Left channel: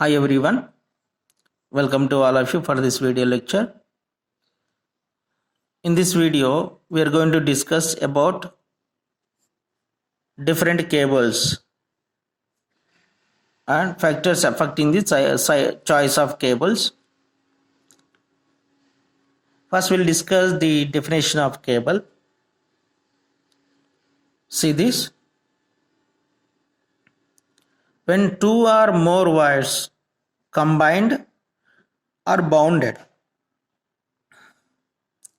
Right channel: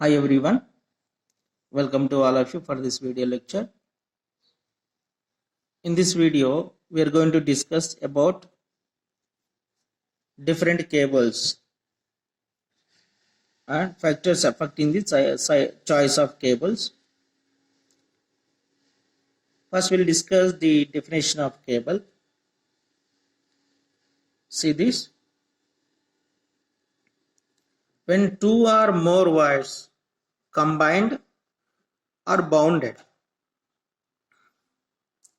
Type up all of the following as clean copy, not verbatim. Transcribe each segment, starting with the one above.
Hi everyone, welcome to all of you for this video lecture. In this video, we are going to discuss about different cables and factors affecting the choice of cables. First, we'll discuss the definition of cable. See this. When two or more wires combined or bounded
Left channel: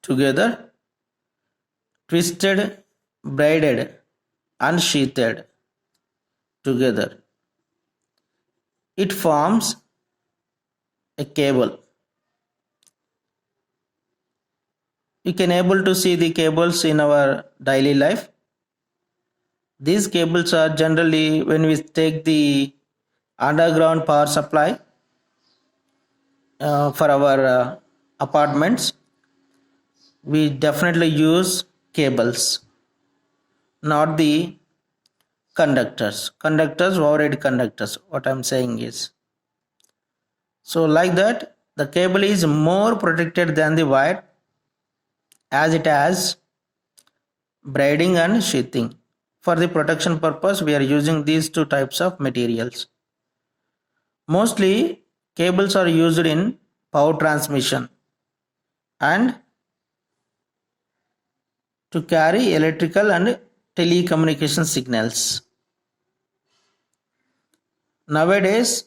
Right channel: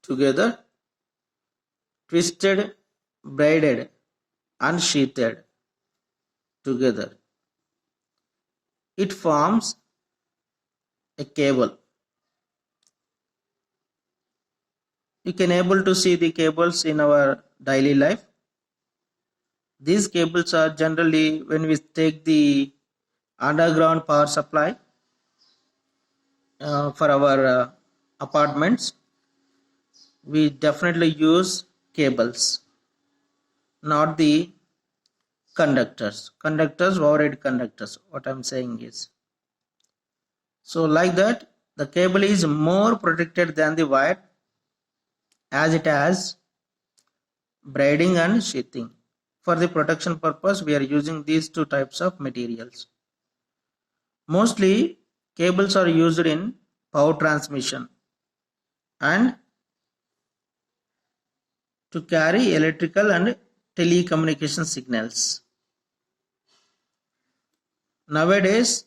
together, twisted, braided, and sheathed together, it forms a cable. We can able to see the cables in our daily life. These cables are generally, when we take the underground power supply for our apartments, we definitely use cables, not the conductors. Overhead conductors, what I'm saying is. So like that, the cable is more protected than the wire as it has braiding and sheathing. For the protection purpose, we are using these two types of materials. Mostly, cables are used in power transmission and to carry electrical and telecommunication signals. Nowadays,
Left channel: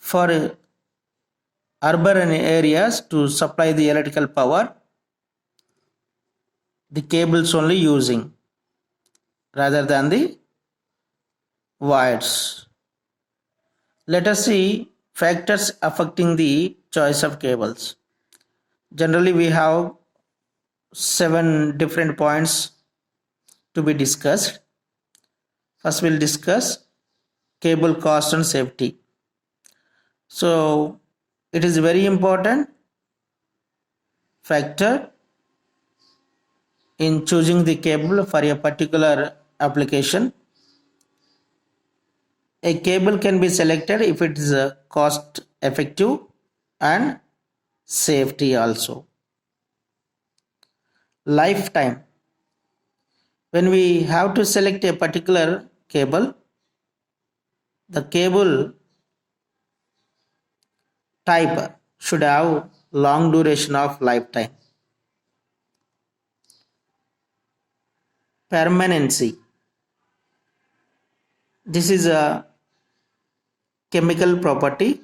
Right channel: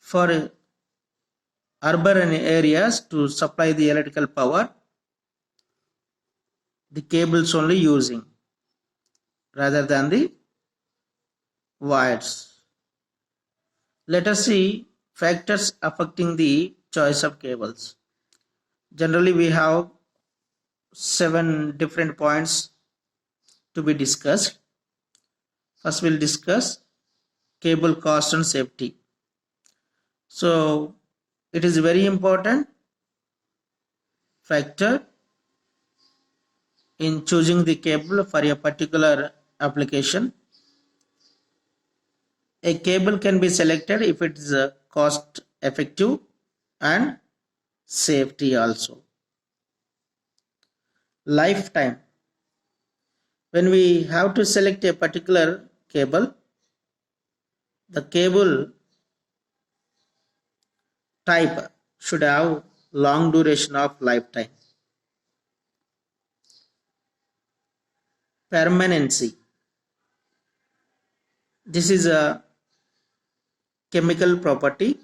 for urban areas to supply the electrical power, the cables only using rather than the wires. Let us see factors affecting the choice of cables. Generally, we have 7 different points to be discussed. First, we'll discuss cable cost and safety. So, it is very important factor in choosing the cable for a particular application. A cable can be selected if it is cost effective and safety also. Lifetime. When we have to select a particular cable, the cable type should have long duration of lifetime. Permanency. This is a chemical property.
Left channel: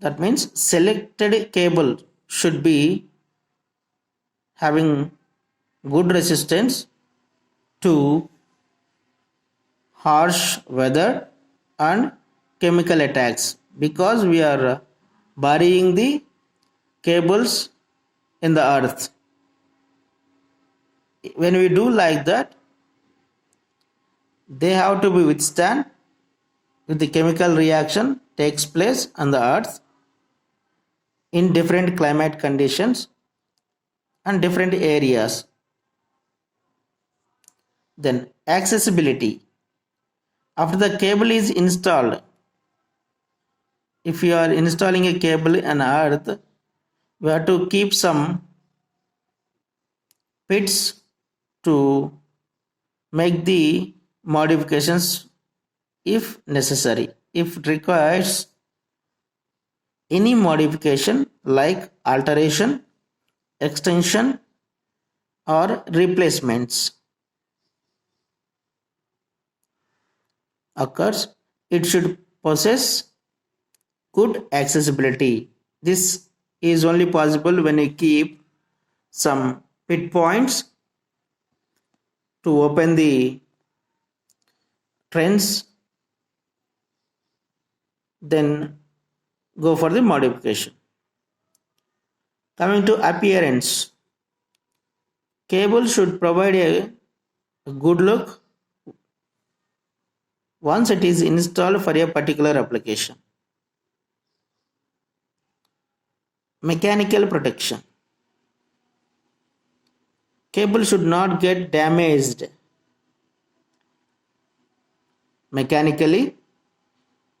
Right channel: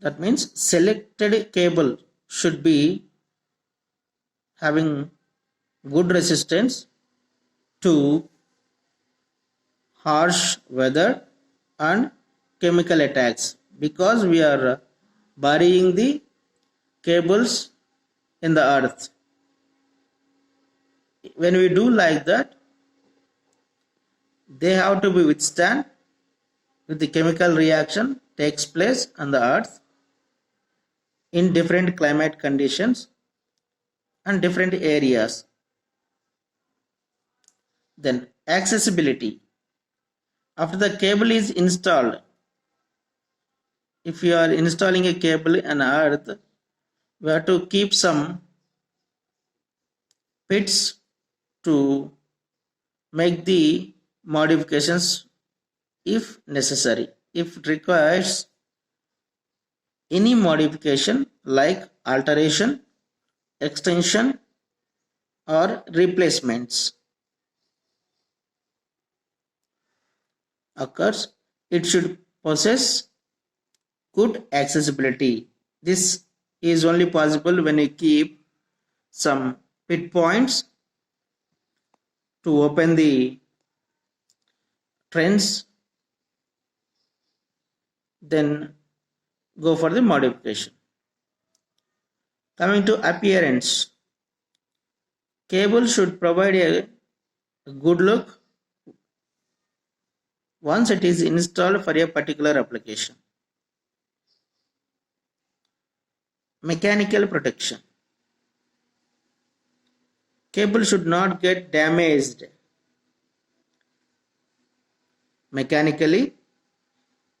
That means selected cable should be having good resistance to harsh weather and chemical attacks, because we are burying the cables in the earth. When we do like that, they have to be withstand with the chemical reaction takes place on the earth in different climate conditions and different areas. Then accessibility. After the cable is installed, if you are installing a cable on earth, we have to keep some pits to make the modifications if necessary. If it requires any modification like alteration, extension or replacements occurs, it should possess good accessibility. This is only possible when you keep some pit points to open the trends, then go for the modification. Coming to appearance, cable should provide a good look once it is installed for a particular application. Mechanical protection. Cable should not get damaged mechanically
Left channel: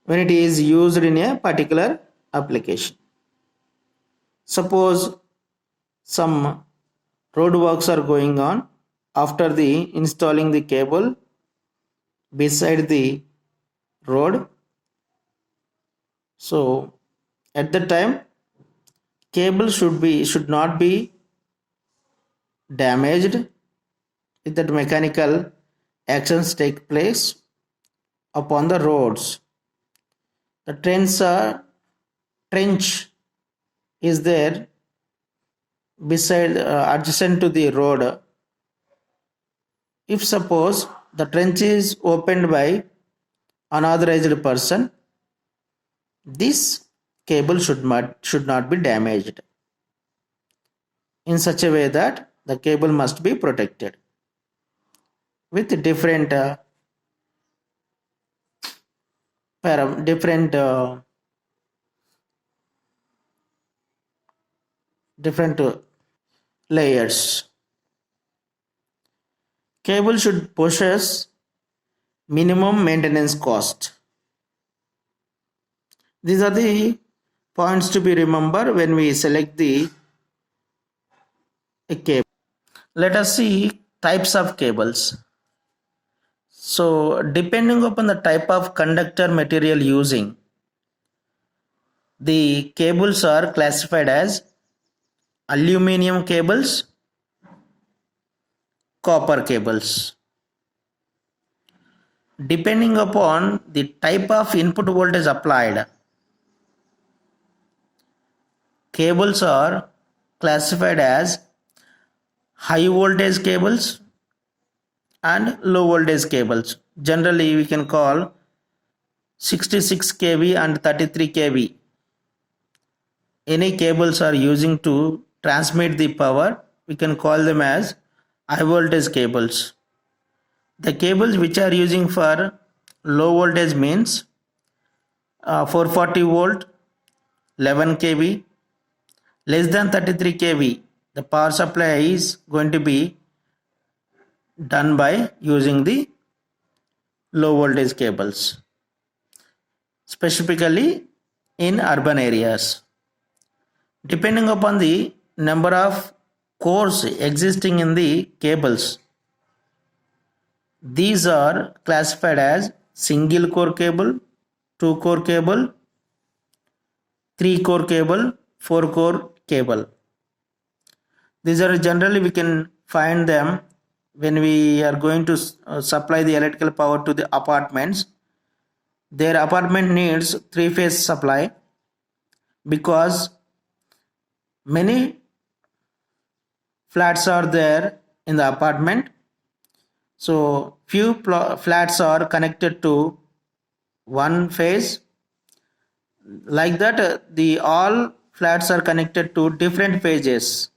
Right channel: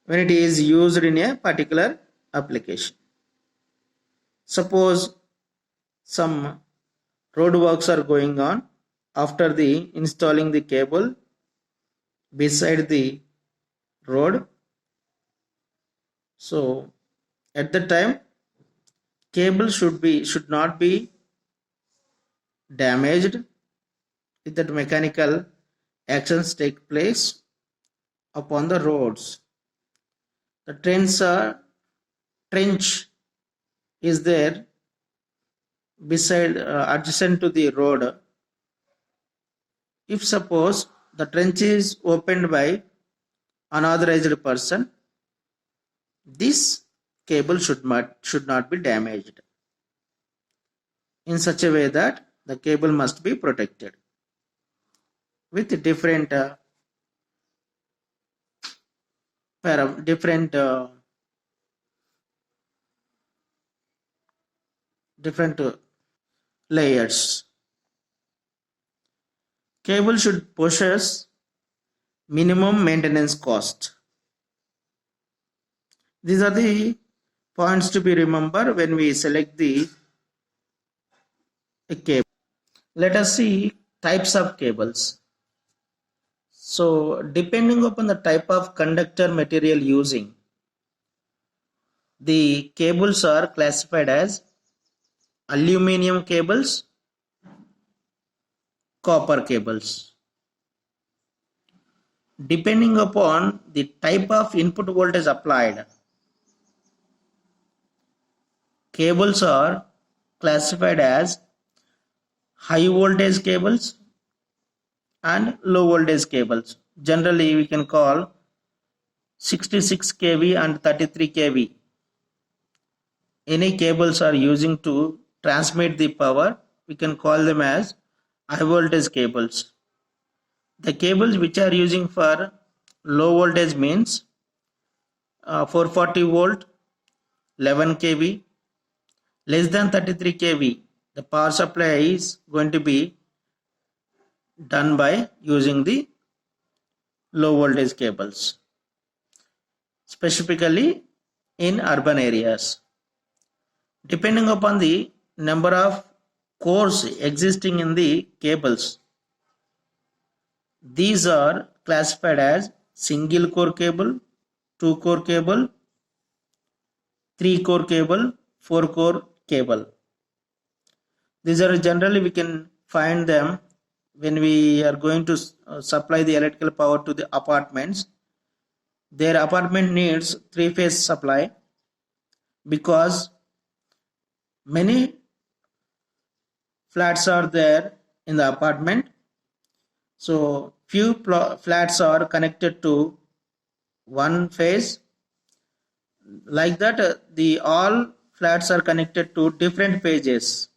when it is used in a particular application. Suppose some road works are going on. After the installing the cable beside the road, so at the time cable should not be damaged if that mechanical actions take place upon the roads. The trench is there beside adjacent to the road. If suppose the trench is opened by unauthorized person, this cable should not be damaged in such a way that the cable must be protected with different layers. Cable should possess minimum maintenance cost. These are the points to be remembered when we select a cable. Let us see types of cables. So depending upon the type of conductor material using, the cables are classified as aluminum cables, copper cables. Depending upon the type of input voltage applied, cables are classified as high voltage cables and low voltage cables. Generally we can call 66 kV and 33 kV. Any cables are using to transmit the power, we can call them as high voltage cables. The cables which are using for low voltage means 440 volt, 11 kV, less than 33 kV. The power supply is going to be done by using the low voltage cables, specifically in urban areas. Depending upon the number of cores existing in the cables, these are classified as single core cable, 2 core cable, 3 core cable, 4 core cable. These are generally we can find them when we are going to supply the electrical power to the apartments. Their apartment needs 3-phase supply because many flats are there in the apartment. So few flats are connected to one phase. Like that, the all flats are connected to different phases.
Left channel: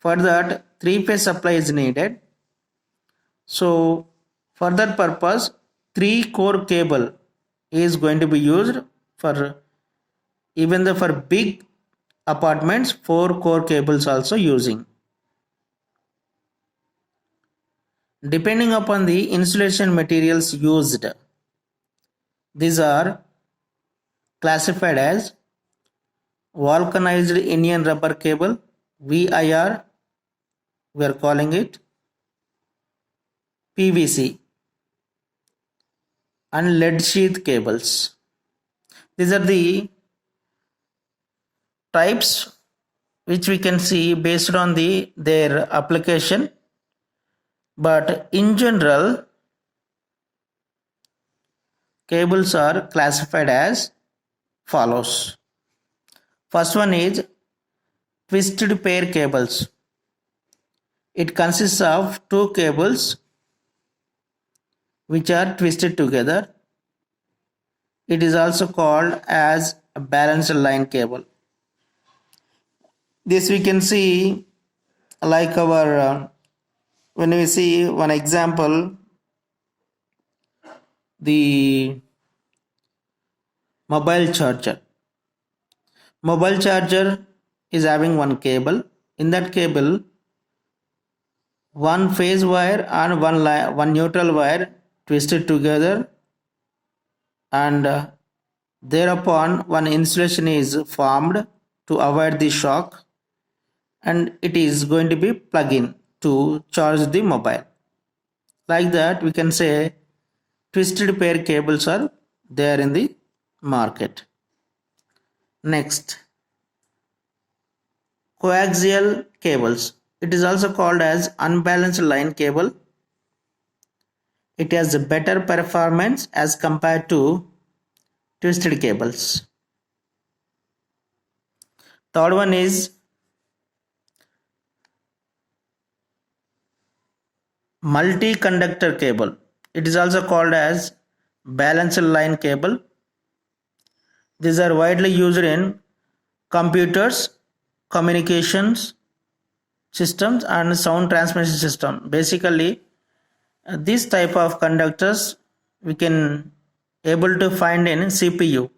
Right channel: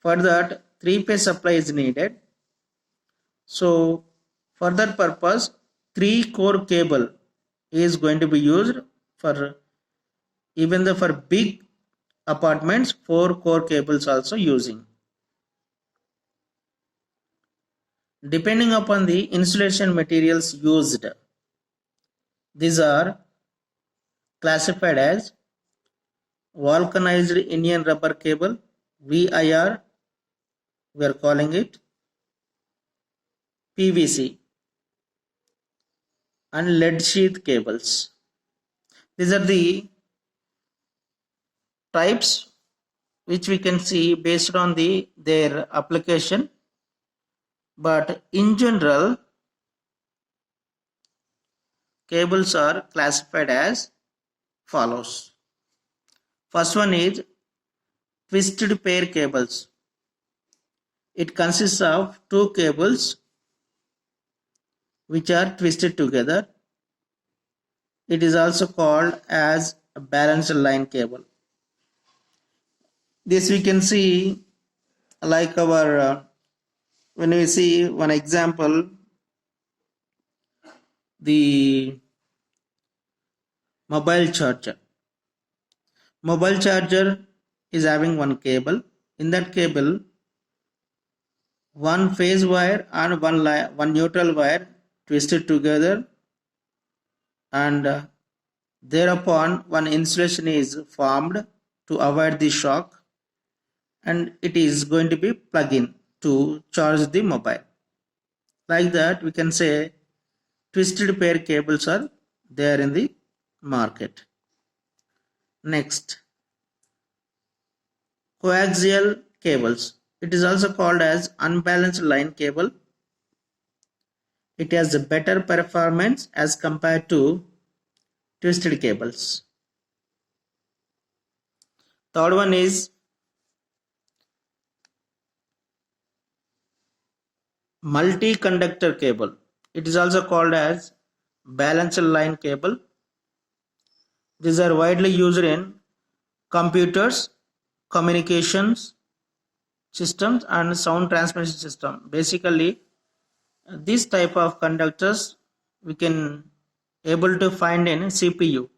For that, 3-phase supply is needed. So for that purpose, 3 core cable is going to be used. For even for big apartments, 4 core cables also using. Depending upon the insulation materials used, these are classified as vulcanized Indian rubber cable, VIR, we are calling it, PVC, and lead sheath cables. These are the types which we can see based on their application. But in general, cables are classified as follows. First one is twisted pair cables. It consists of 2 cables which are twisted together. It is also called as a balanced line cable. This we can see like our when we see one example, the mobile charger. Mobile charger is having one cable. In that cable, one phase wire and one neutral wire twisted together, and Thereupon one insulation is formed to avoid the shock, and it is going to be plug in to charge the mobile. Like that, we can say twisted pair cables are there in the market. Next, coaxial cables. It is also called as unbalanced line cable. It has a better performance as compared to twisted cables. Third one is multi-conductor cable. It is also called as balanced line cable. These are widely used in computers, communications systems, and sound transmission system. Basically, this type of conductors we can able to find in CPU,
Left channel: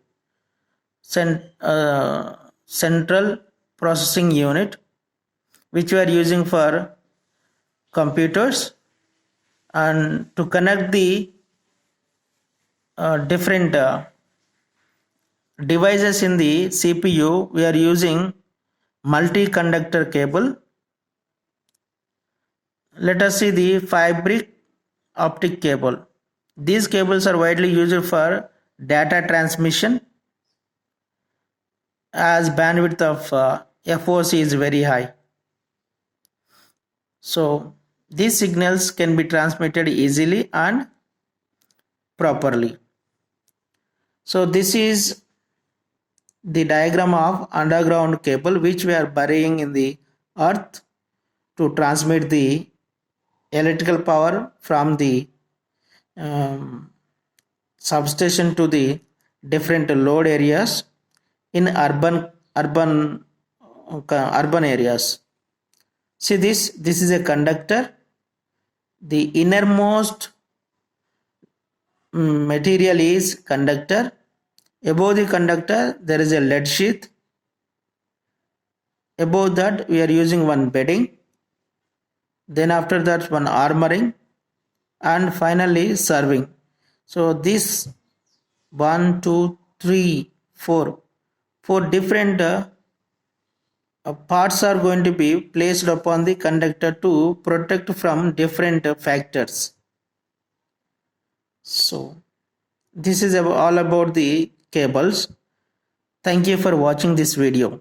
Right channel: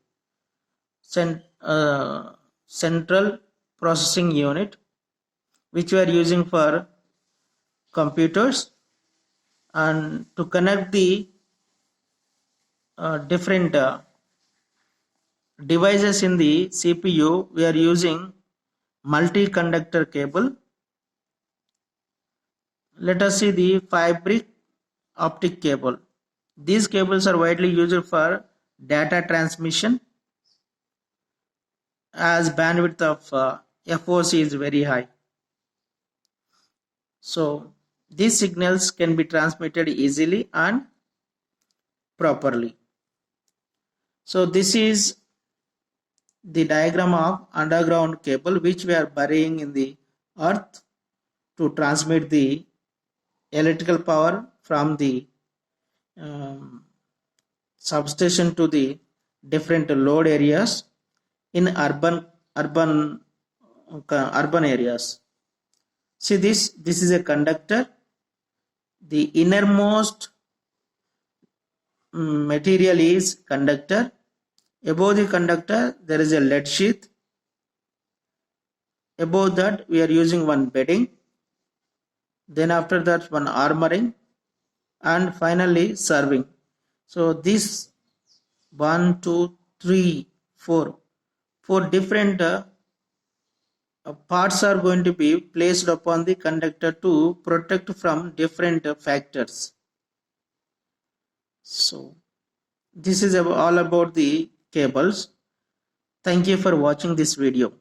central processing unit, which we are using for computers, and to connect the different devices in the CPU, we are using multi-conductor cable. Let us see the fiber optic cable. These cables are widely used for data transmission as bandwidth of FOC is very high. So these signals can be transmitted easily and properly. So this is the diagram of underground cable which we are burying in the earth to transmit the electrical power from the substation to the different load areas in urban areas. See this is a conductor. The innermost material is conductor. Above the conductor there is a lead sheath. Above that we are using one bedding. Then after that one armoring, and finally serving. So this 1, 2, 3, 4 different parts are going to be placed upon the conductor to protect from different factors. So this is all about the cables. Thank you for watching this video.